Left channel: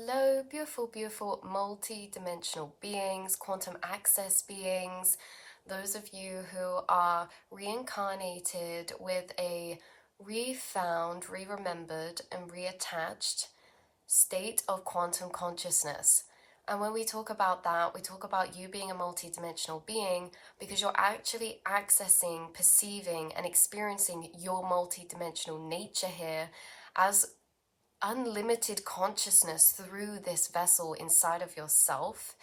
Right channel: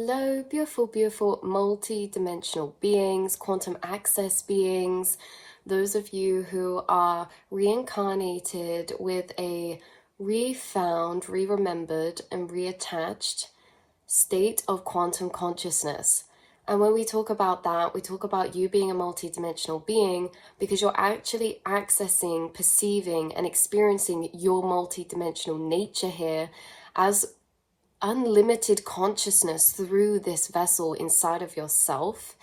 Hello, beautiful, beautiful multi-dimensional beings, quantum access beings, those of you who are reincarnated with a refound, re-remembered, and reattached state of quantum consciousness. And when we talk about that, we talk about you being a multi-dimensional being because you're actually accessing, perceiving, and experiencing your multi-dimensional nature here as unlimited consciousness through this vessel inside of yourself.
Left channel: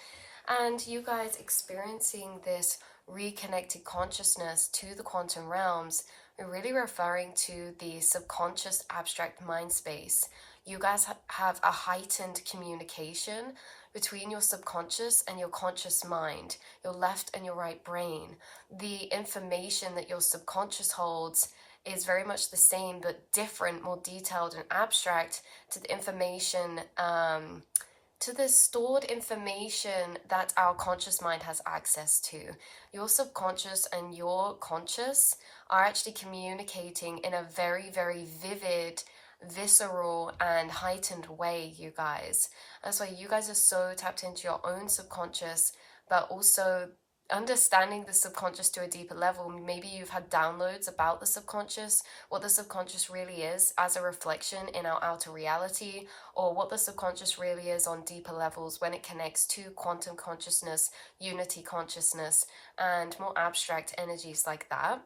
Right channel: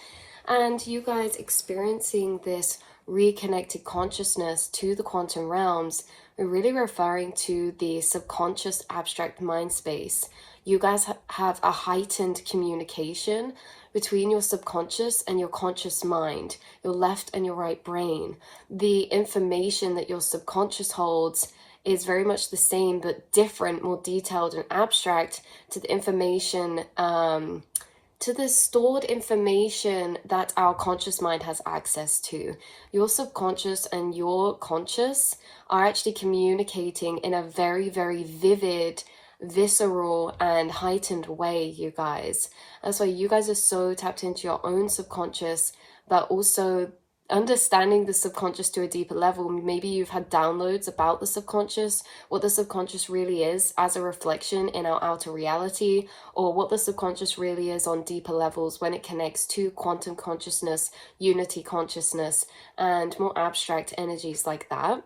And you guys experiencing this reconnected consciousness to the quantum realms, we're really referring to the subconscious abstract mind space. You guys have a heightened communication between your subconscious and your conscious mind, your left and your right brain. The information that your subconscious holds is very much the same but different, more detailed and abstract to the information, to the stored information that our conscious mind has access to. Your subconscious and your conscious are actually communicating in a very, very vivid, visceral and heightened way, you guys. That's why you guys are so tapped into your own subconscious, but also understanding the subconscious to a deeper level. Maybe you've had downloads about the subconscious, what the subconscious really is as a reflection in our outer reality, or what the subconscious really is on deeper levels when it connects to quantum consciousness, unity consciousness, and more abstract energies like that.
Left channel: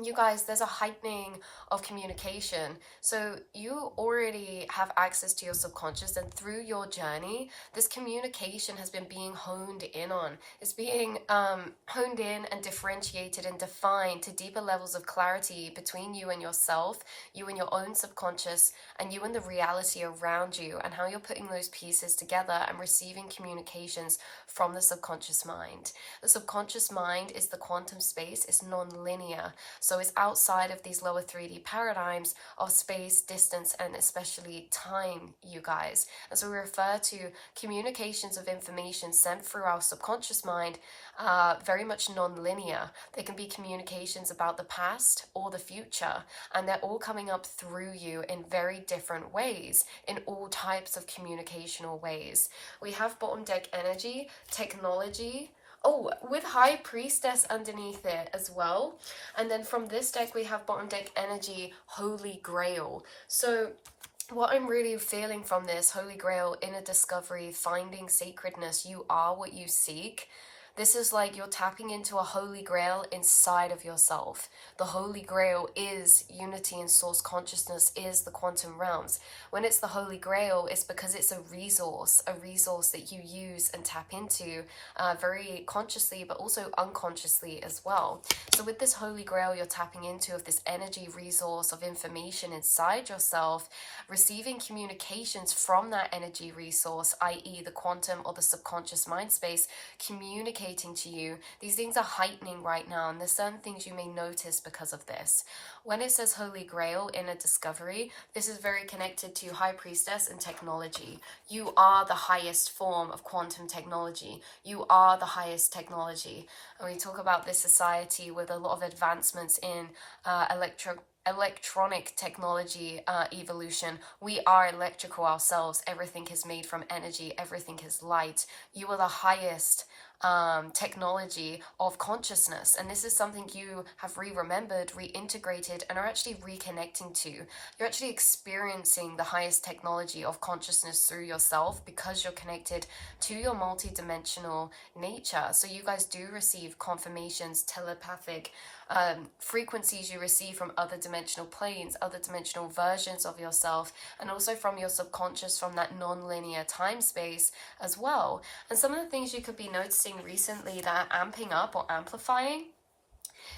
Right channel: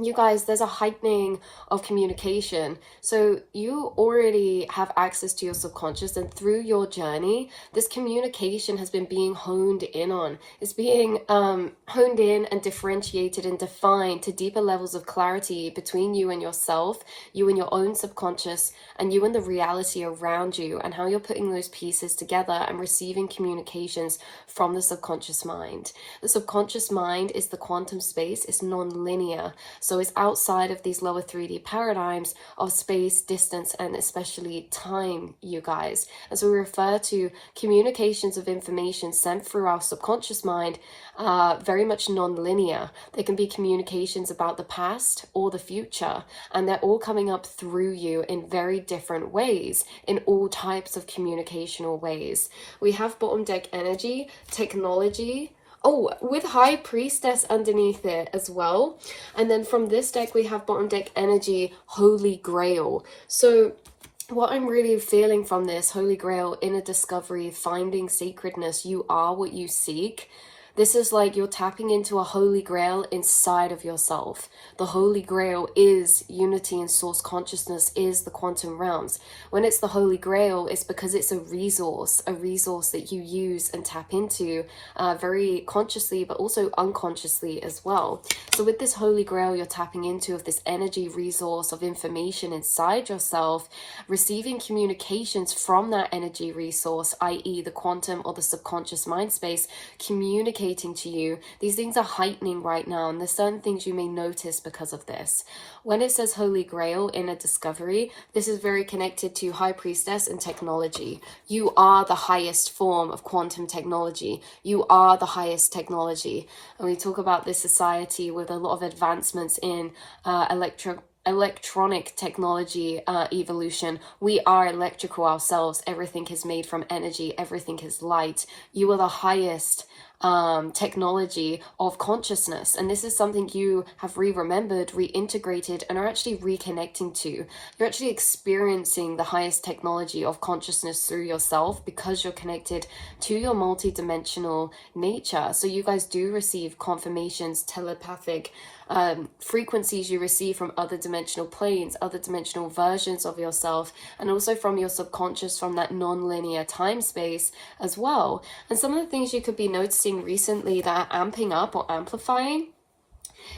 You guys, there's a heightening of communication. So you already have access to your subconscious, and through your journey, this communication has been being honed in on. It's being honed in and differentiated and defined to deeper levels of clarity between you and yourself, you and your own subconscious, and you and the reality around you, and how you're putting those pieces together and receiving communications from the subconscious mind. The subconscious mind is the quantum space. It's non-linear. So it's outside of these lower 3D paradigms of space, distance, and especially time, you guys. And so we refer to communications of information sent through our subconscious mind very much non-linear. They can be communications about the past or the future, and they're all coming up through you in very different ways, in all types of communicational ways. We have bottom deck energy, technology, with High Priestess underneath it as well. And then from this deck, we have bottom deck energy, Holy Grail. So what I'm really feeling from this, Holy Grail, inner discovery, finding sacredness, you are what you seek. This is like you're tapping into a holy grail inside of yourself. The holy grail is unity and source consciousness, is the quantum realms. When it's the holy grail, it's because it's a resource that you use and tap into very consciously, but also unconsciously as well. So with this holy grail you're tapping into, of this energy resource of information inside yourself, receiving communications from that energy resource, i.e. the quantum or the subconscious mind space, communicating to you. These things are heightening right now, and there's certain things you may notice because of this. When it says Holy Grail, inner discovery, this is very connected to High Priestess and technology. You are the highest form of quantum technology. You are the highest technology. And we talk about this society with a lot of advancements in electronic technology evolution. We are electrical ourselves. Everything is made from energy. Everything is light. You are the highest technology of consciousness, and this is something you have remembered, reintegrated, and are actually reconnecting to. You're actually experiencing the highest technology of consciousness through yourself because you're connected to your multi-dimensional nature. So you guys do receive confirmations, telepathic frequencies you receive from other dimensional planes, other dimensional versions of yourself, and also from your subconscious, from that non-linear time space as well. And some of the things you could be noticing recently that are amping up or amplifying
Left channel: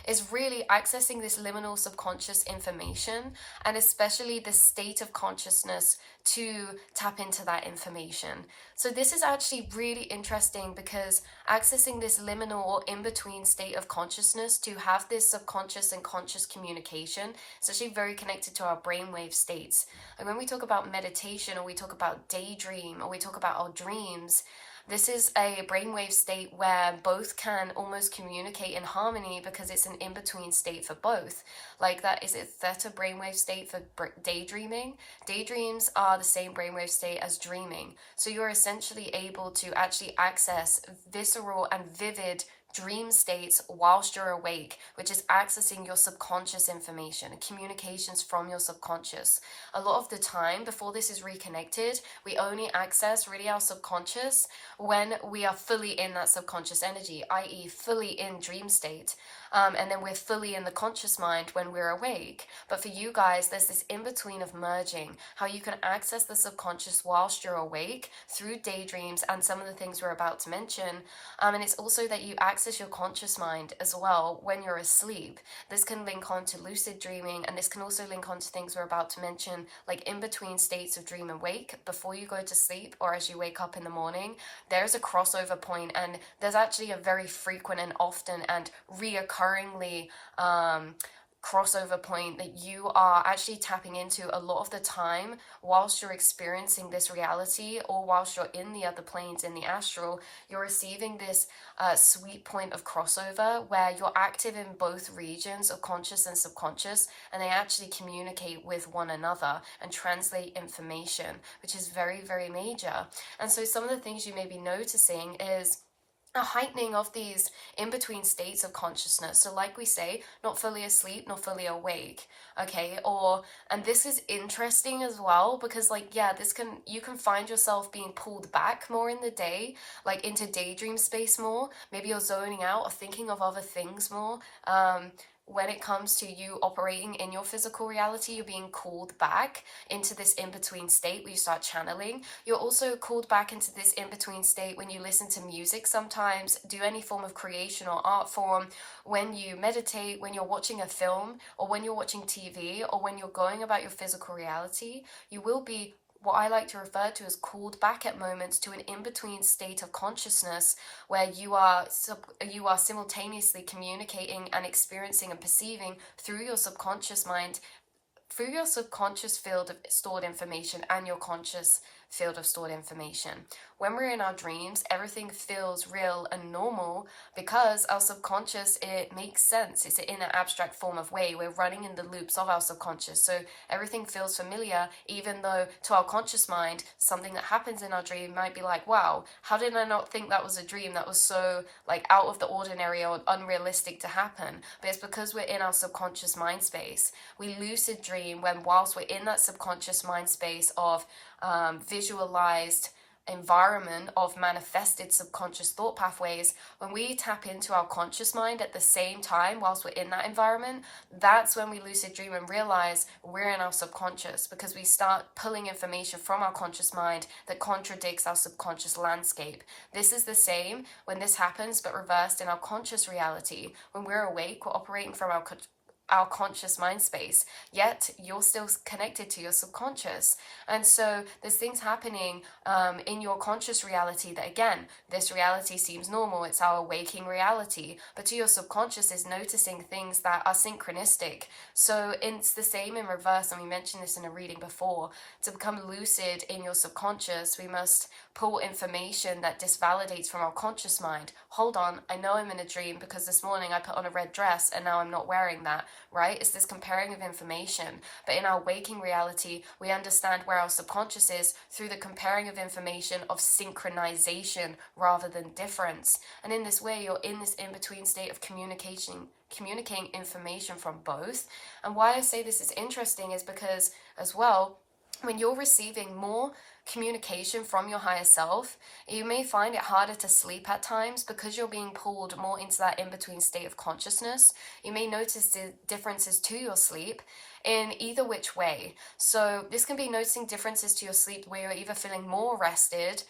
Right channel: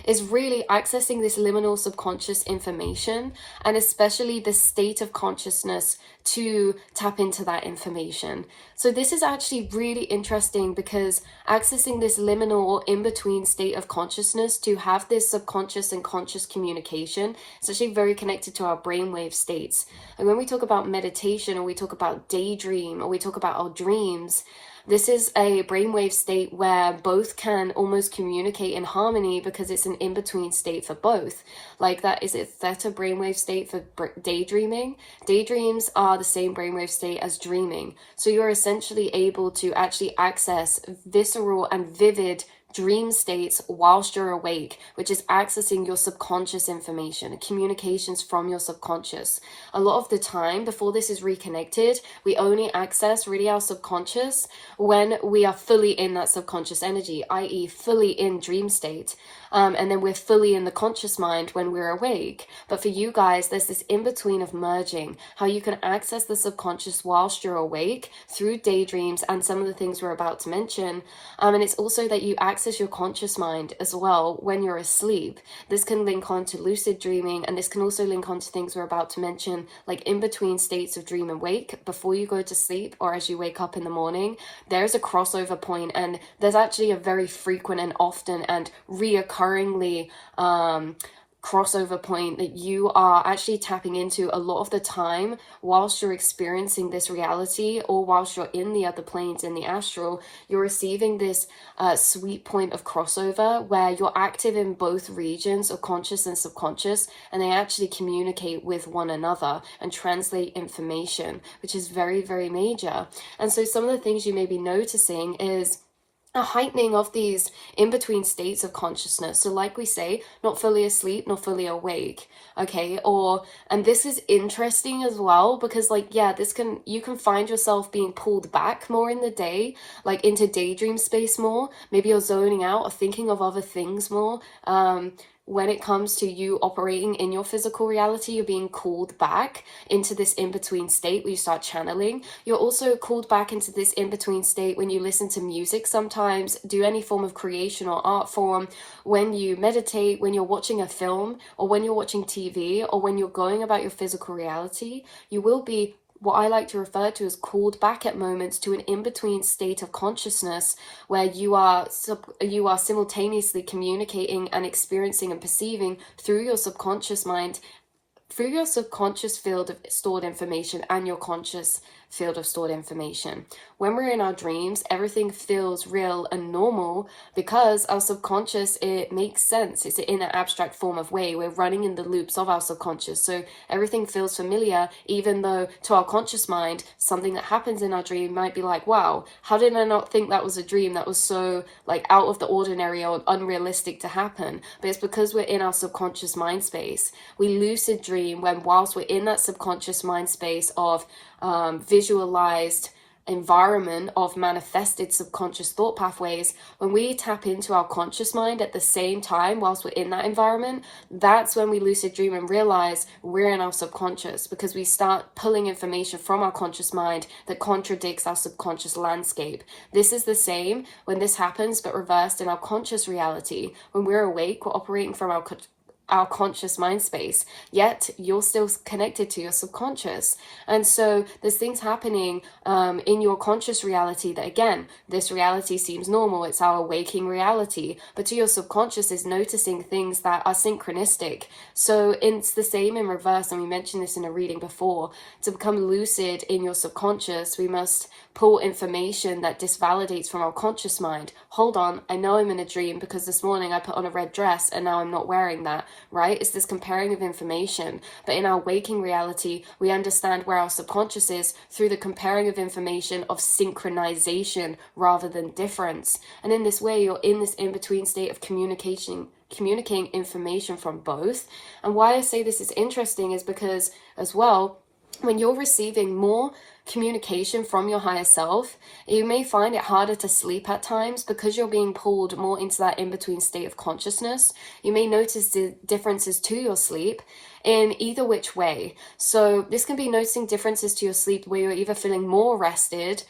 is really accessing this liminal subconscious information, and especially the state of consciousness to tap into that information. So this is actually really interesting because accessing this liminal or in-between state of consciousness to have this subconscious and conscious communication, it's actually very connected to our brainwave states. And when we talk about meditation, or we talk about daydream, or we talk about our dreams, this is a brainwave state where both can almost communicate in harmony because it's an in-between state for both. Like that, is it theta brainwave state for daydreaming? Daydreams are are the same brainwave state as dreaming. So you're essentially able to actually access visceral and vivid dream states whilst you're awake, which is accessing your subconscious information, communications from your subconscious. A lot of the time, before this is reconnected, we only access really our subconscious when we are fully in that subconscious energy, i.e., fully in dream state. And then we're fully in the conscious mind when we're awake. But for you guys, there's this in-between of merging, how you can access the subconscious whilst you're awake through daydreams and some of the things we're about to mention. And it's also that you access your conscious mind as well when you're asleep. This can link on to lucid dreaming, and this can also link on to things we're about to mention, like in between states of dream and wake, before you go to sleep or as you wake up in the morning. There's a crossover point, and there's actually a very frequent and often and reoccurringly crossover point that you are actually tapping into a lot of the time whilst you're experiencing this reality, or whilst you're in the other planes in the astral. You're receiving this sweet point of crossover where you're active in both regions of conscious and subconscious, and they actually communicate with one another and translate information, which is very, very major. And so some of the things you may be noticing is a heightening of these in-between states of consciousness. So like we say, not fully asleep, not fully awake, okay? And this is interesting as well, because like, yeah, you can find yourself being pulled back more in the day, like into daydream space more. Maybe you're zoning out or thinking of other things more. When it comes to you operating in your physical reality, you're being called back into this in-between state where you start channeling. You're also called back into this in-between state when you listen to music sometimes, do any form of creation or art form, when you meditate, when you're watching a film, or when you're watching TV, or when you're going about your physical reality. You will be what I like to refer to as called back at moments to an in-between state of consciousness where you are simultaneously communicating and experiencing and perceiving through your subconscious mind, through your subconscious field of stored information and your conscious field of stored information. When we're in our dreams, everything feels real and normal because our subconscious, it makes sense. It's in an abstract form of way. We're running in the loops of our subconscious. So everything feels familiar, even though to our conscious mind, something that happens in our dream might be like, wow, how did I not think that was a dream that was so like out of the ordinary or unrealistic to happen? But it's because we're in our subconscious mind space. We lucid dream when whilst we're in that subconscious mind space of visualized environment of manifested subconscious thought pathways, when we tap into our conscious mind at the same time whilst we're in that environment, that's when we lucid dream and realize we're in our subconscious, because we start pulling information from our conscious mind that contradicts our subconscious landscape. This is the same when this happens, but reversed in our conscious reality. When we're awake, we're operating from our conscious mind space, yet you're still connected to your subconscious. And so there's things happening in your conscious reality that, again, this reality seems normal, it's our waking reality, but to your subconscious is noticing things that are synchronistic. So it's the same in reverse, and we mentioned this in a reading before. To become lucid in your subconscious, we must pull information that disvalidates from our conscious mind. Hold on, I know I'm in a dream because this morning I put on a red dress and now I'm not wearing that, right? It's this comparing of information. But in our waking reality, we understand where our subconscious is through the comparing of information of synchronization rather than difference. And in this way, you're in this in-between state of communicating information from both. And why I say this is interesting is because, as well, when you're receiving more communication from your higher self, you may find it harder to sleep at times because you're being pulled more into that in-between state of consciousness. You may notice the differences to your sleep in either which way. So this can be noticing differences to your sleep where you're either feeling more rested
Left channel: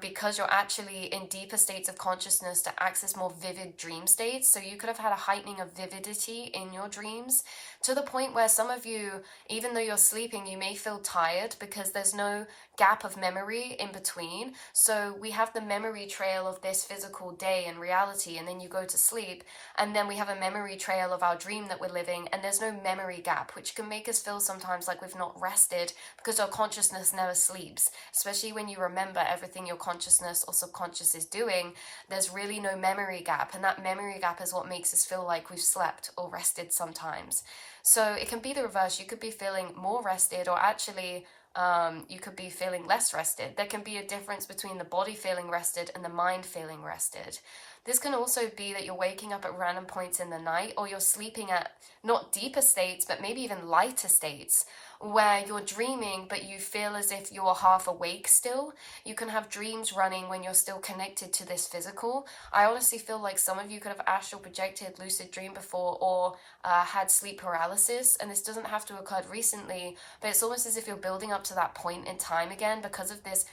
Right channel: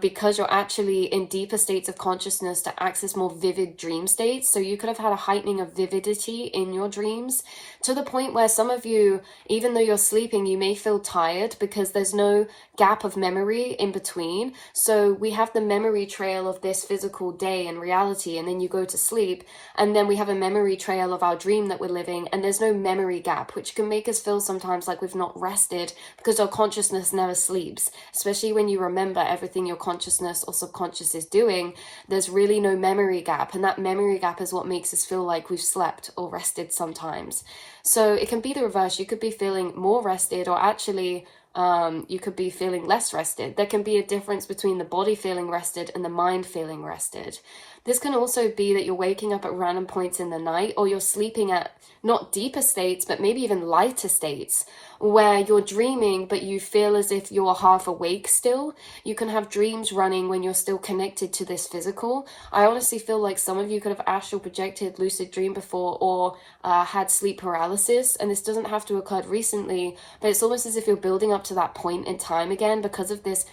because you're actually in deeper states of consciousness to access more vivid dream states. So you could have had a heightening of vividity in your dreams to the point where some of you, even though you're sleeping, you may feel tired because there's no gap of memory in between. So we have the memory trail of this physical day and reality, and then you go to sleep, and then we have a memory trail of our dream that we're living, and there's no memory gap, which can make us feel sometimes like we've not rested because our consciousness never sleeps, especially when you remember everything your consciousness or subconscious is doing. There's really no memory gap, and that memory gap is what makes us feel like we've slept or rested sometimes. So it can be the reverse. You could be feeling more rested or actually You could be feeling less rested. There can be a difference between the body feeling rested and the mind feeling rested. This can also be that you're waking up at random points in the night, or you're sleeping at not deeper states, but maybe even lighter states where you're dreaming, but you feel as if you're half awake still. You can have dreams running when you're still connected to this physical. I honestly feel like some of you could have astral projected, lucid dream before, or had sleep paralysis. And this doesn't have to have occurred recently, but it's almost as if you're building up to that point in time again because of this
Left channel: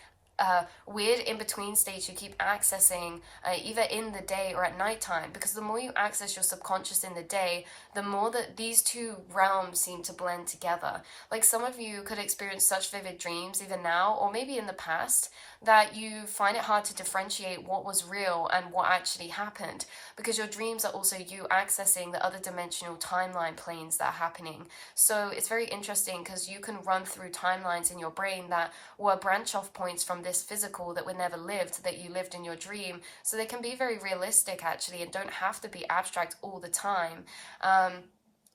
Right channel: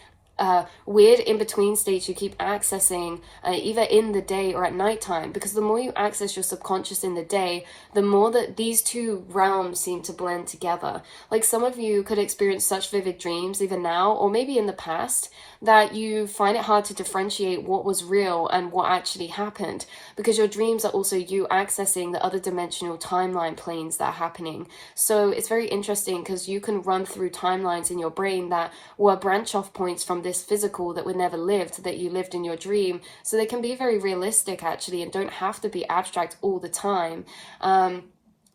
weird in-between states you keep accessing either in the day or at nighttime, because the more you access your subconscious in the day, the more that these two realms seem to blend together. Like some of you could experience such vivid dreams even now, or maybe in the past, that you find it hard to differentiate what was real and what actually happened, because your dreams are also you accessing the other dimensional timeline planes that are happening. So it's very interesting because you can run through timelines in your brain that were branch off points from this physical that were never lived, that you lived in your dream. So they can be very realistic actually, and don't have to be abstract all the time.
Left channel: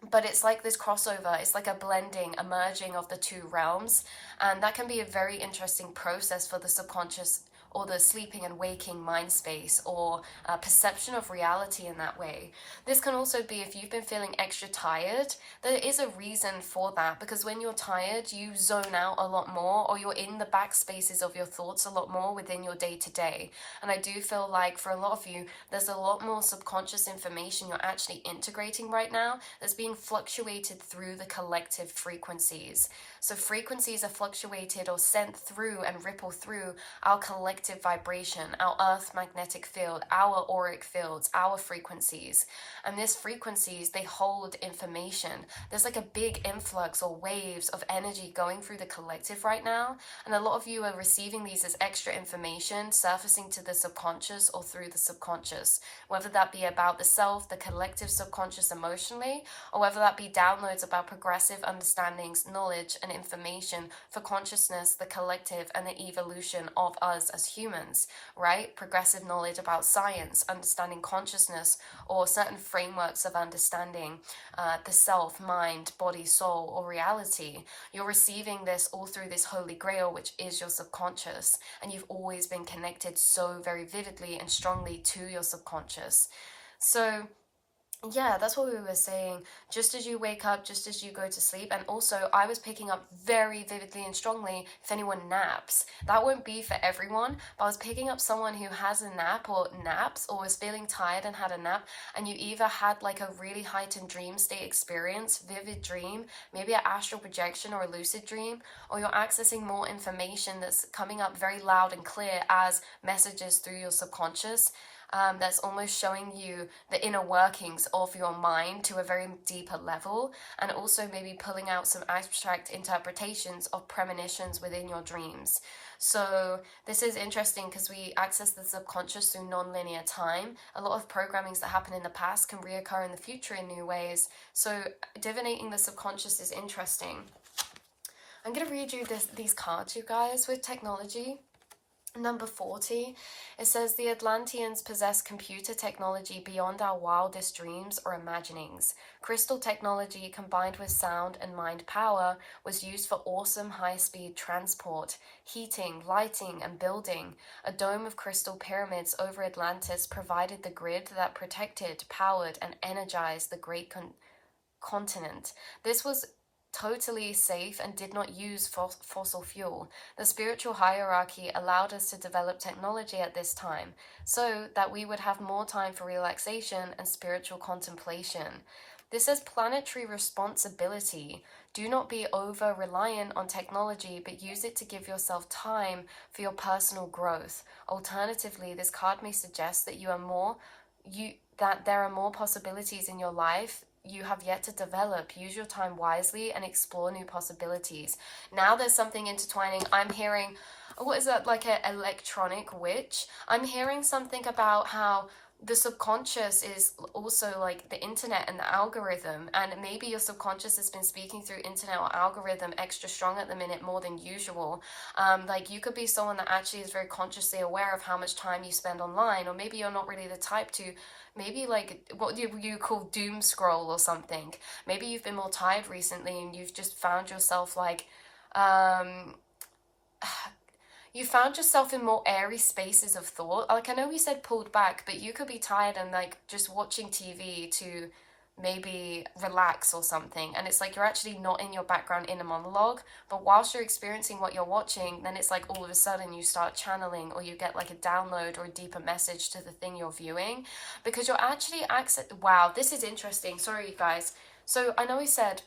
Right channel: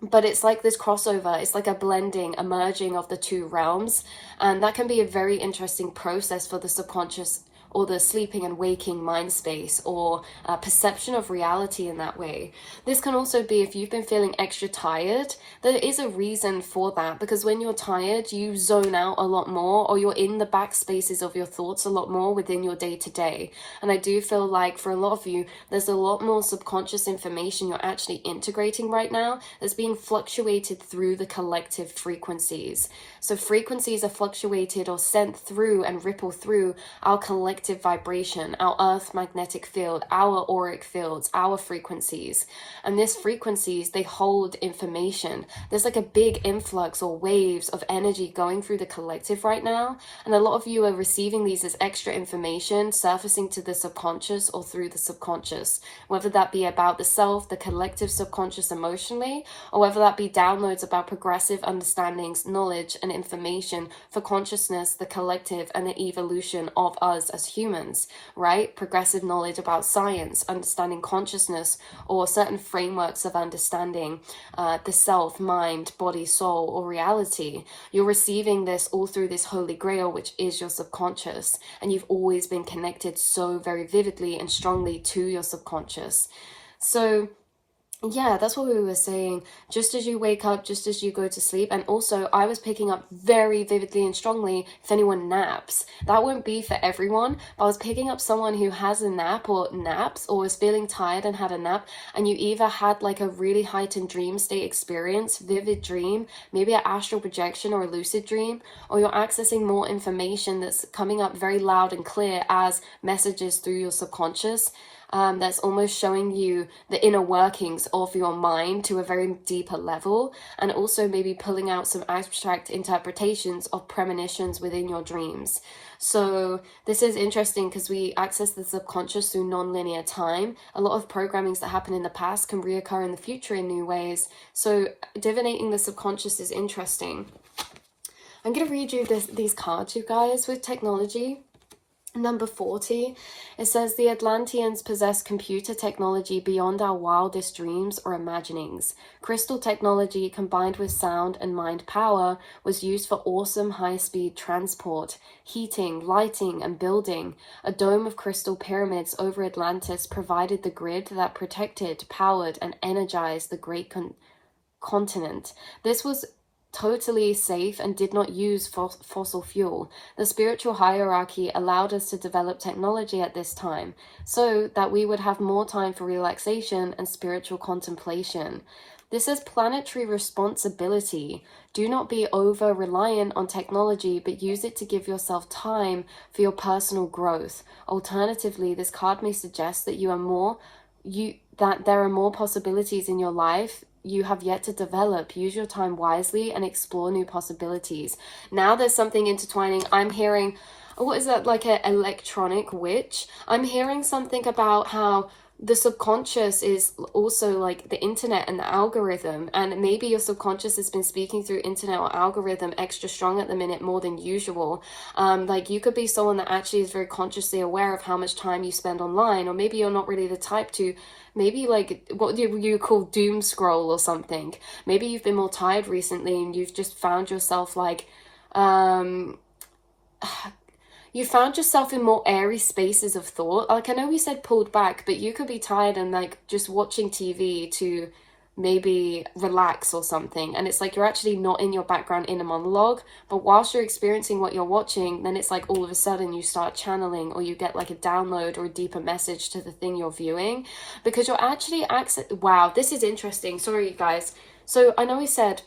But it's like this crossover, it's like a blending, a merging of the two realms, and that can be a very interesting process for the subconscious or the sleeping and waking mind space, or perception of reality in that way. This can also be if you've been feeling extra tired. There is a reason for that, because when you're tired, you zone out a lot more, or you're in the back spaces of your thoughts a lot more within your day-to-day. And I do feel like for a lot of you, there's a lot more subconscious information you're actually integrating right now that's being fluctuated through the collective frequencies. So frequencies are fluctuated or sent through and ripple through our collective vibration, our earth magnetic field, our auric fields, our frequencies. And these frequencies, they hold information. There's like a big influx or waves of energy going through the collective right now. And a lot of you are receiving these as extra information surfacing to the subconscious or through the subconscious, whether that be about the self, the collective subconscious emotionally, or whether that be downloads about progressive understandings, knowledge, and information for consciousness, the collective, and the evolution of us as humans, right? Progressive knowledge about science, understanding consciousness, or certain frameworks of understanding the self, mind, body, soul, or reality. You're receiving this all through this holy grail, which is your subconscious, and you've always been connected so very vividly and strongly to your subconscious. So yeah, that's what we were saying. Just as you wake up, just as you go to sleep. And also, I was picking up very vividly and strongly if anyone naps. That won't be for everyone, but I was picking up someone who has a nap or naps, or was feeling tired and had a nap, and you either had like a really heightened dream state experience, vivid dream, maybe an astral projection or a lucid dream, or you're accessing more information that's coming up very loud and clear as messages through your subconscious. That's almost showing you the inner workings of your mind to a very deeper level, and also maybe pulling out some abstract interpretations of premonitions within your dreams. So this is interesting because we access the subconscious through non-linear time. A lot of programmings that happen in the past can reoccur in the future in new ways. So divinating the subconscious is interesting. I'm going to read you these cards, you guys, with technology. Number 40, it says the Atlanteans possess computer technology beyond our wildest dreams or imaginings. Crystal technology combined with sound and mind power was used for awesome high-speed transport, heating, lighting, and building. A dome of crystal pyramids over Atlantis provided the grid that protected, powered, and energized the great continent. This was totally safe and did not use fossil fuel. The spiritual hierarchy allowed us to develop technology at this time so that we would have more time for relaxation and spiritual contemplation. This is planetary responsibility. Do not be over-reliant on technology, but use it to give yourself time for your personal growth. Alternatively, this card may suggest that that there are more possibilities in your life you have yet to develop. Use your time wisely and explore new possibilities. Now there's something intertwining. I'm hearing, what is that, like an electronic witch? I'm hearing something about how the subconscious is also like the internet and the algorithm, and maybe your subconscious has been speaking through internet or algorithm extra strong at the minute, more than usual. Like you could be someone that actually is very consciously aware of how much time you spend online, or maybe you're not really the type to, maybe like what you call doom scroll or something. Maybe you've been more tired recently and you've just found yourself like um you found yourself in more airy spaces of thought. Like, I know we said pulled back, but you could be tired and like just watching TV to maybe relax or something. And it's like you're actually not in your background inner monologue, but whilst you're experiencing what you're watching, then it's like all of a sudden you start channeling, or you get like a download or a deeper message to the thing you're viewing, because you're actually wow, this is interesting. Sorry, you guys. So I know we said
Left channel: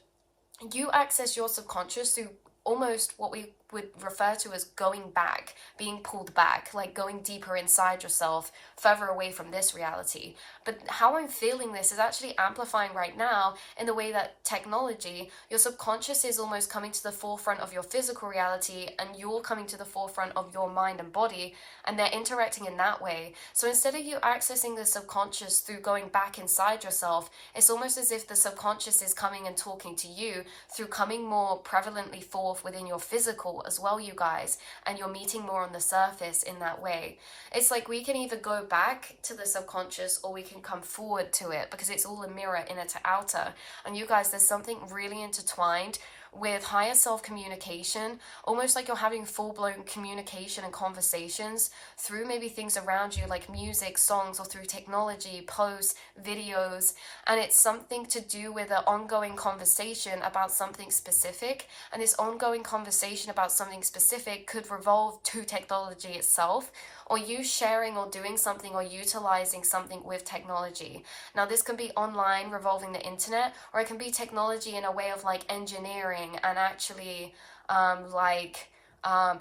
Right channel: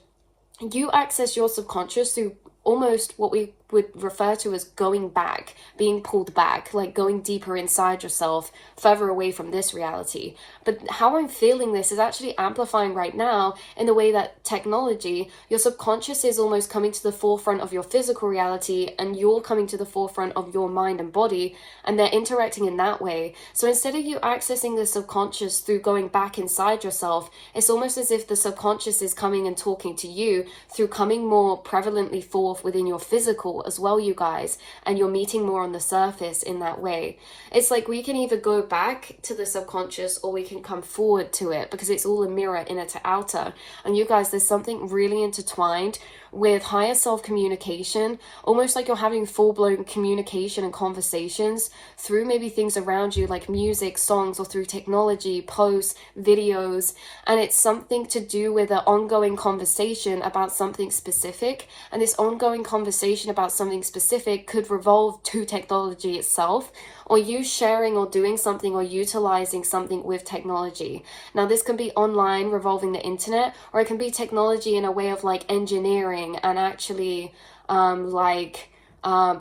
you access your subconscious through almost what we would refer to as going back, being pulled back, like going deeper inside yourself, further away from this reality. But how I'm feeling this is actually amplifying right now in the way that technology, your subconscious is almost coming to the forefront of your physical reality, and you're coming to the forefront of your mind and body, and they're interacting in that way. So instead of you accessing the subconscious through going back inside yourself, it's almost as if the subconscious is coming and talking to you through coming more prevalently forth within your physical as well, you guys, and you're meeting more on the surface in that way. It's like we can either go back to the subconscious or we can come forward to it, because it's all a mirror, inner to outer. And you guys, there's something really intertwined with higher self communication, almost like you're having full-blown communication and conversations through maybe things around you like music, songs, or through technology, posts, videos. And it's something to do with an ongoing conversation about something specific, and this ongoing conversation about something specific could revolve to technology itself, or you sharing or doing something or utilizing something with technology. Now, this can be online, revolving the internet, or it can be technology in a way of like engineering and actually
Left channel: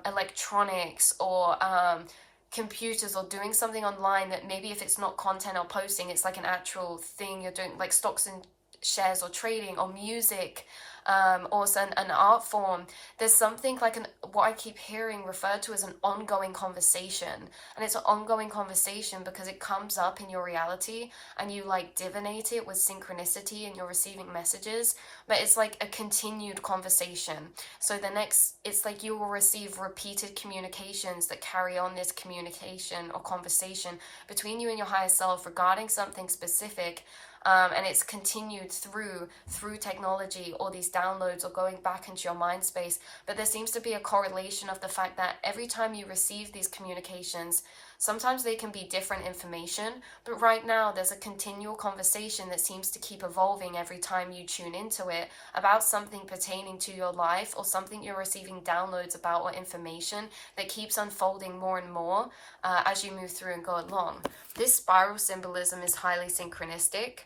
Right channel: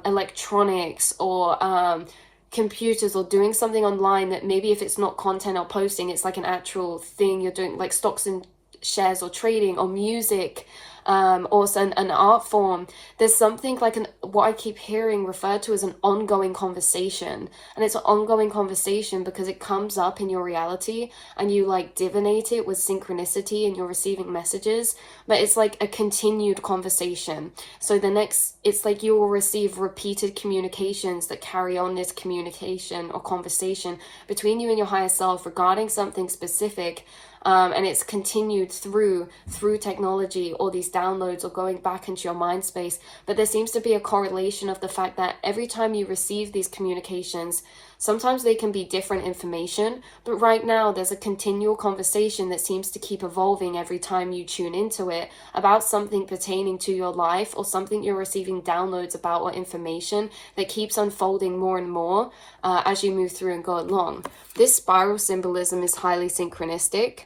electronics, or computers, or doing something online that maybe if it's not content or posting, it's like an actual thing you're doing, like stocks and shares or trading or music, or an art form. There's something like what I keep hearing referred to as an ongoing conversation, and it's an ongoing conversation because it comes up in your reality and you like divinate it with synchronicity and you're receiving messages, but it's like a continued conversation. So it's like you will receive repeated communications that carry on this communication or conversation between you and your higher self regarding something specific. And it's continued through technology, or these downloads, or going back into your mind space. But there seems to be a correlation of the fact that every time you receive these communications, sometimes they can be different information, but right now there's a continual conversation that seems to keep evolving every time you tune into it about something pertaining to your life, or something you're receiving downloads about, or information that keeps unfolding more and more as you move through and go along. This spiral symbolism is highly synchronistic.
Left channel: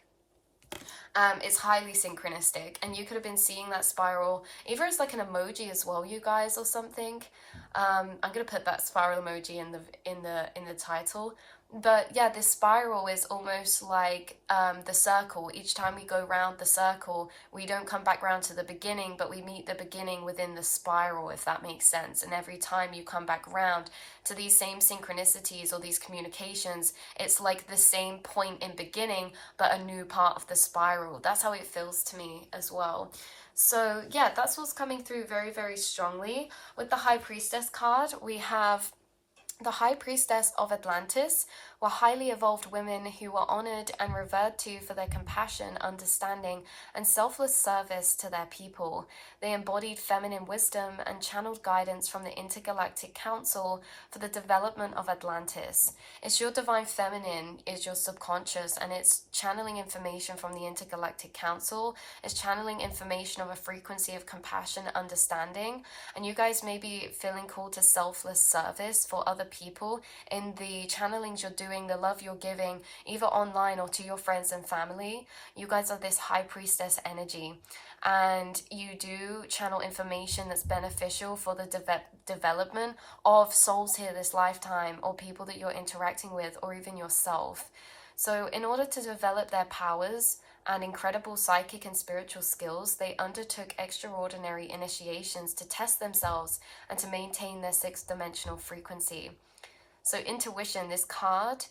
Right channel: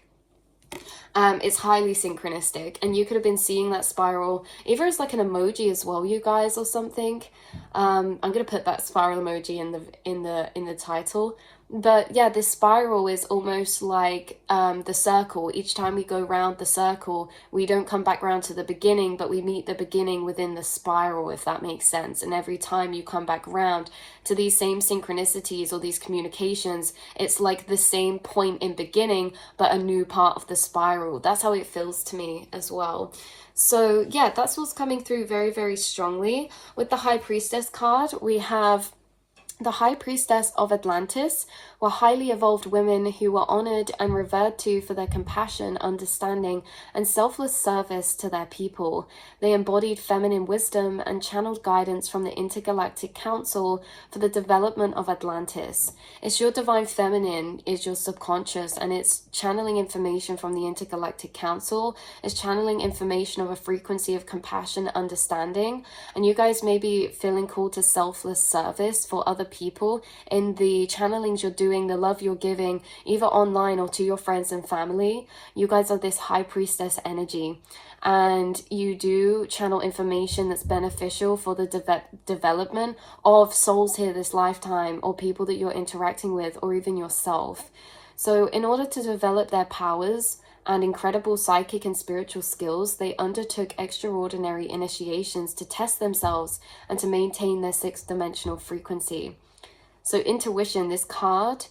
It's highly synchronistic, and you could have been seeing that spiral either as like an emoji as well, you guys, or something. I'm gonna put that spiral emoji in the title. But yeah, this spiral is almost like the circle. Each time we go round the circle, we don't come back round to the beginning, but we meet the beginning within the spiral, if that makes sense. And every time you come back round to these same synchronicities or these communications, it's like the same point in beginning, but a new part of the spiral. That's how it feels to me as well. So yeah, that's what's coming through very, very strongly. With the High Priestess card, we have the High Priestess of Atlantis were highly evolved women who were honored and revered to for their compassion, understanding, and selfless service to their people. They embodied feminine wisdom and channeled guidance from the Intergalactic Council for the development of Atlantis. It's your divine feminine is your subconscious, and it's channeling information from the Intergalactic Council. It's channeling information of a frequency of compassion, understanding, and you guys may be feeling called to selfless service for other people in the channelings you're doing, the love you're giving, either online or to your friends and family. You guys are this High Priestess energy, and you do channel information that's beneficial for the development of souls here this lifetime, or people that you're interacting with, or even yourself. So in order to develop their powers and incredible psychic and spiritual skills, they undertook extraordinary initiations to test themselves and to maintain their sixth dimensional frequency. So intuition, this card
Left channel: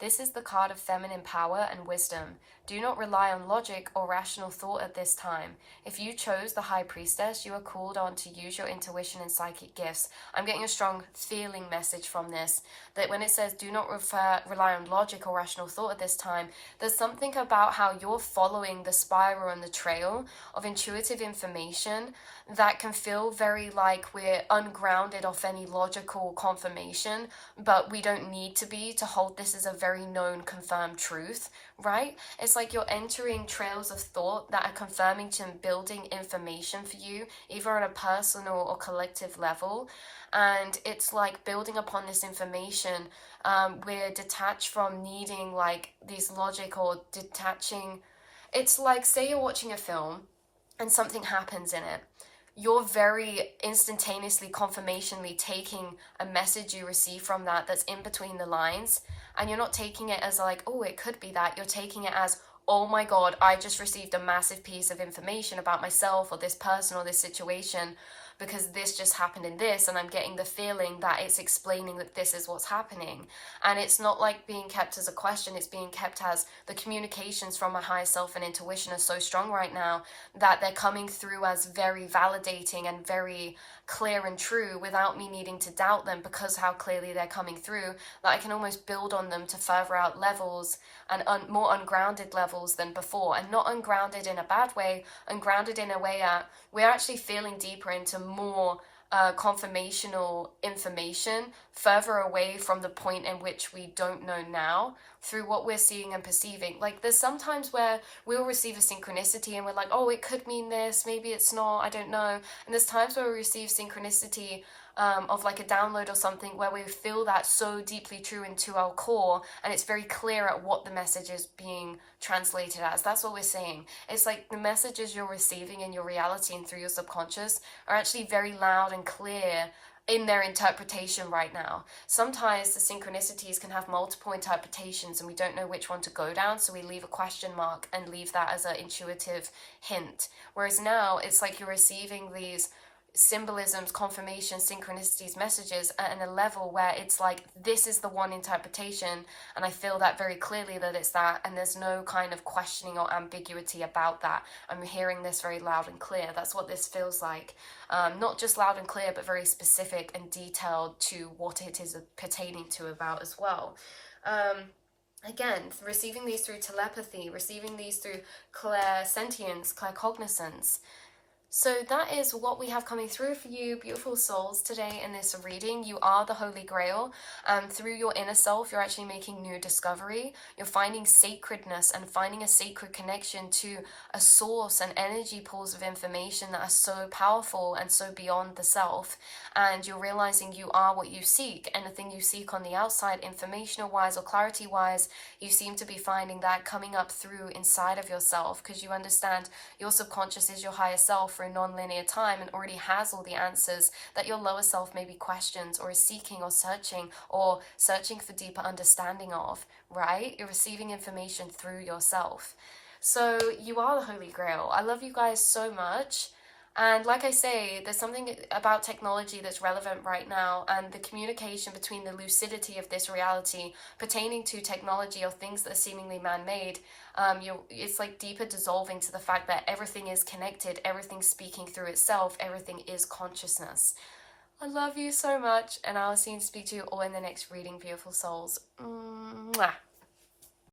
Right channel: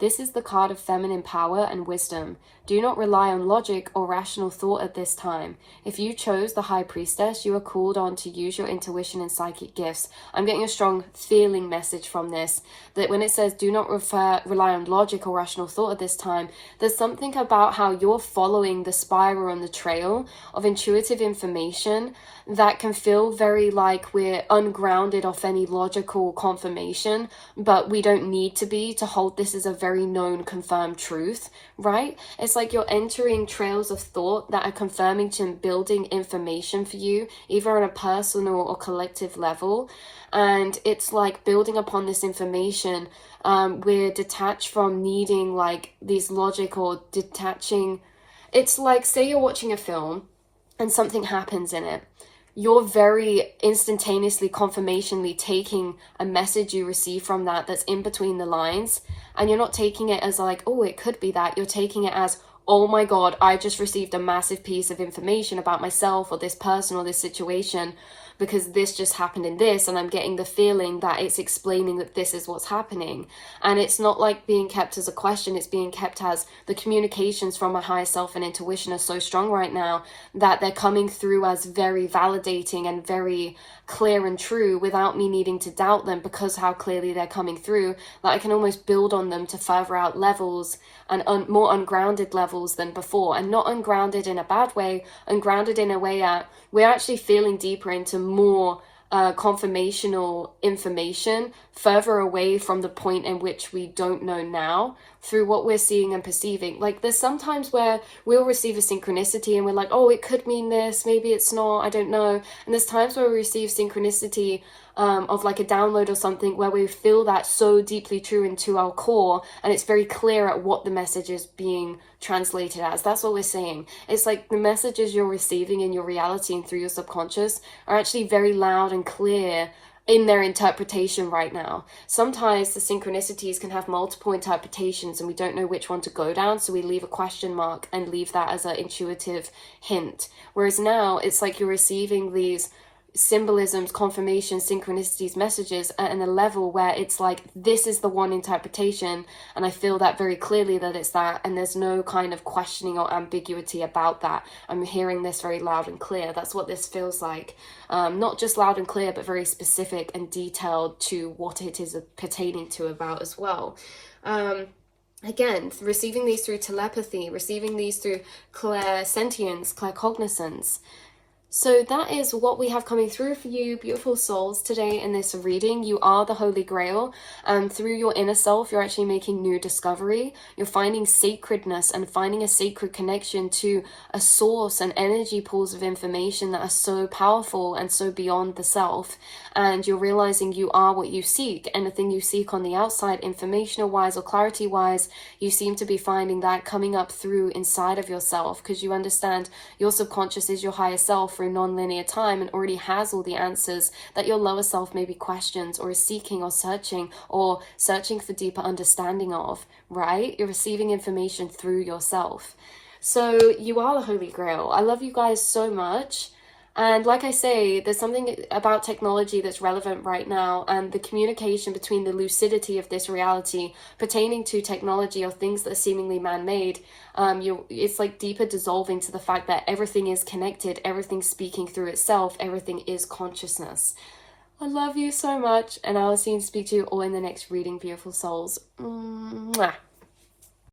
This is the card of feminine power and wisdom. Do not rely on logic or rational thought at this time. If you chose the High Priestess, you are called on to use your intuition and psychic gifts. I'm getting a strong feeling message from this, that when it says do not rely on logic or rational thought at this time, there's something about how you're following the spiral and the trail of intuitive information that can feel very like we're ungrounded off any logical confirmation, but we don't need to be to hold this as a very known, confirmed truth, right? It's like you're entering trails of thought that are confirming to building information for you, either on a personal or collective level. And it's like building upon this information. We're detached from needing like these logic or detaching. It's like, say you're watching a film and something happens in it. You're very instantaneously, confirmationally taking a message you receive from that that's in between the lines. And you're not taking it as like, oh, it could be that. You're taking it as, oh my God, I just received a massive piece of information about myself or this person or this situation, because this just happened in this, and I'm getting the feeling that it's explaining that this is what's happening. And it's not like being kept as a question, it's being kept as the communications from my higher self and intuition are so strong right now that they're coming through as very validating and very clear and true without me needing to doubt them, because how clearly they're coming through, that I can almost build on them to further out levels and more ungrounded levels than before. And not ungrounded in a bad way, ungrounded in a way that we're actually feeling deeper into more confirmational information further away from the point in which we don't know now, through what we're seeing and perceiving. Like there's sometimes where we'll receive a synchronicity and we're like, oh, it could mean this, maybe it's not, I don't know. And there's times where we receive synchronicity of like a download or something where we feel that so deeply true into our core, and it's very clear at what the message is being translated as. That's what we're saying. It's like the messages you're receiving in your reality and through your subconscious are actually very loud and clear in their interpretation right now. Sometimes the synchronicities can have multiple interpretations and we don't know which one to go down, so we leave a question mark and leave that as an intuitive hint. Whereas now it's like you're receiving these symbolisms, confirmations, synchronicities, messages at a level where it's like, this is the one interpretation, and I feel that very clearly that it's that, and there's no kind of questioning or ambiguity about that. I'm hearing this very loud and clear. That's what this feels like. Not just loud and clear, but very specific and detailed to what it is pertaining to about as well. Again, receiving these through telepathy, receiving these through clairsentience, claircognizance. So that is what we have coming through for you, beautiful souls, today in this reading. You are the Holy Grail, and through your inner self, you're actually making new discovery. You're finding sacredness and finding a sacred connection to a source and energy pools of information that are so powerful and so beyond the self. And you're realizing you are what you seek. Anything you seek on the outside, informational-wise or clarity-wise, you seem to be finding that coming up through inside of yourself, because you understand your subconscious is your higher self through non-linear time and already has all the answers that your lower self maybe questions or is seeking or searching for deeper understanding of, right? You're receiving information through yourself. So you are the Holy Grail. I love you guys so much. And like I say, there's something about technology that's relevant right now, and the communication between the lucidity of this reality pertaining to technology or things that are seemingly man-made. It's like deeper dissolving to the fact that everything is connected, everything's speaking through itself, everything is consciousness. I love you so much, and I'll see and speak to you all in the next reading, beautiful souls. Mwah.